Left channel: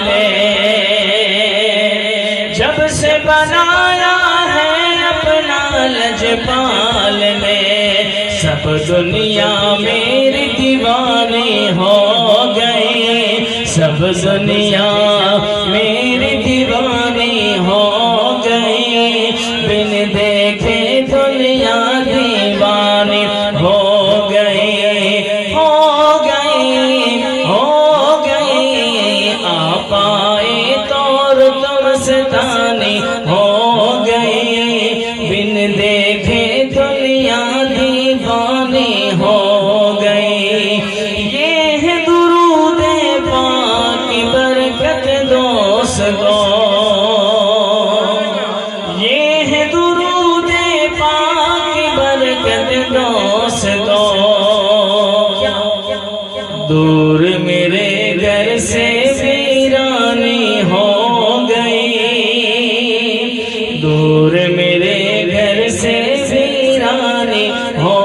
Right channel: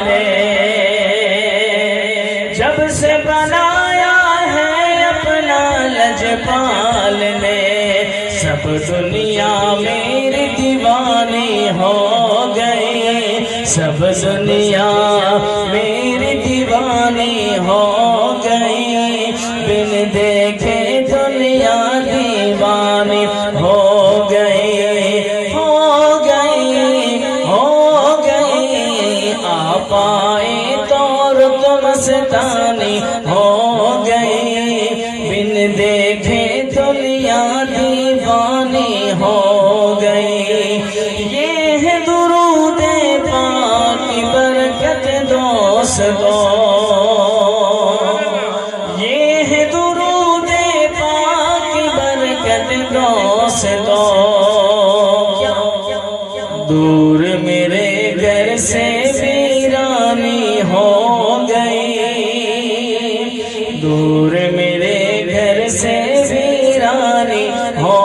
نے جب سے بنایا ہے اپنا لجپال نے سب دنیا میری دیوانی ہو گئی سب دنیا میری دیوانی ہو گئی بن دیکھے دنیا دیوانی ہو گئی ہو گئی ہو گئی آپ آئے تو مستانی ہو گئی بن دیکھے دنیا دیوانی ہو گئی یہ ہے درود پاک کی برکت دوستو یہ ہے درود پاک کی برکت دوستو دور میرے گھر سے ویرانی ہو دور میرے گھر سے ویرانی ہو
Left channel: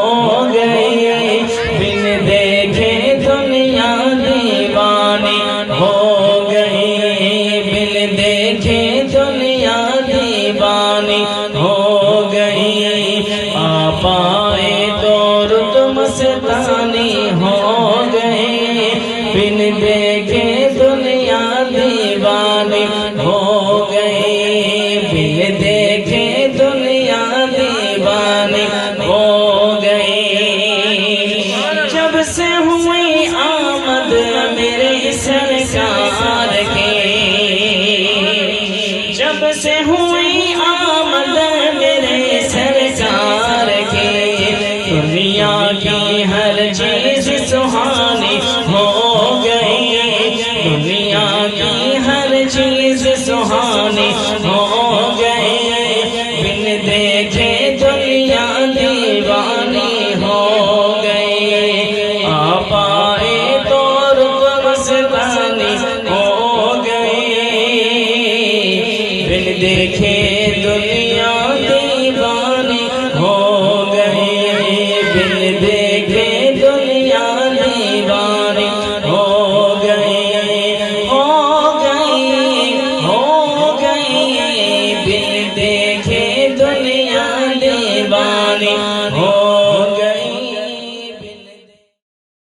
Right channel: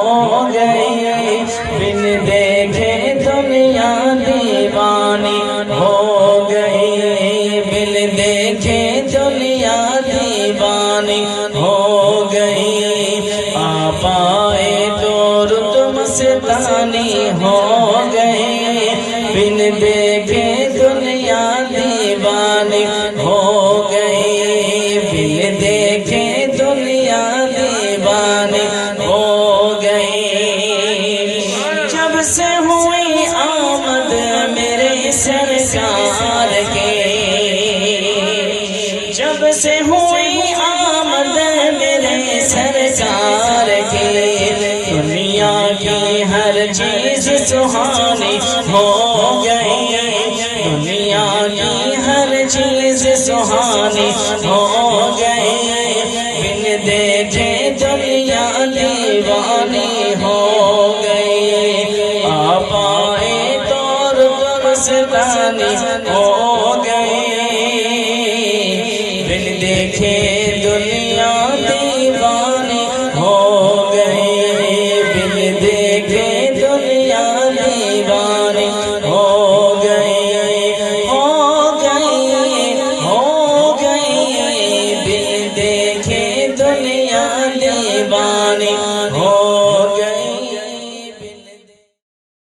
گئی بن دیکھے دنیا دیوانی ہو گئی بن دیکھے دنیا دیوانی ہو گئی آپ آئے تو مستانی ہو گئی بن دیکھے دنیا دیوانی ہو گئی بن دیکھے دنیا دیوانی ہو گئی جب سے ہوئی آمد میرے سرکار کے جب سے ہوئی آمد میرے سرکار کے دنیا کی ہر چیز سہانی ہو گئی دنیا کی ہر چیز سہانی ہو گئی بن دیکھے دنیا دیوانی ہو گئی آپ آئے تو مستانی ہو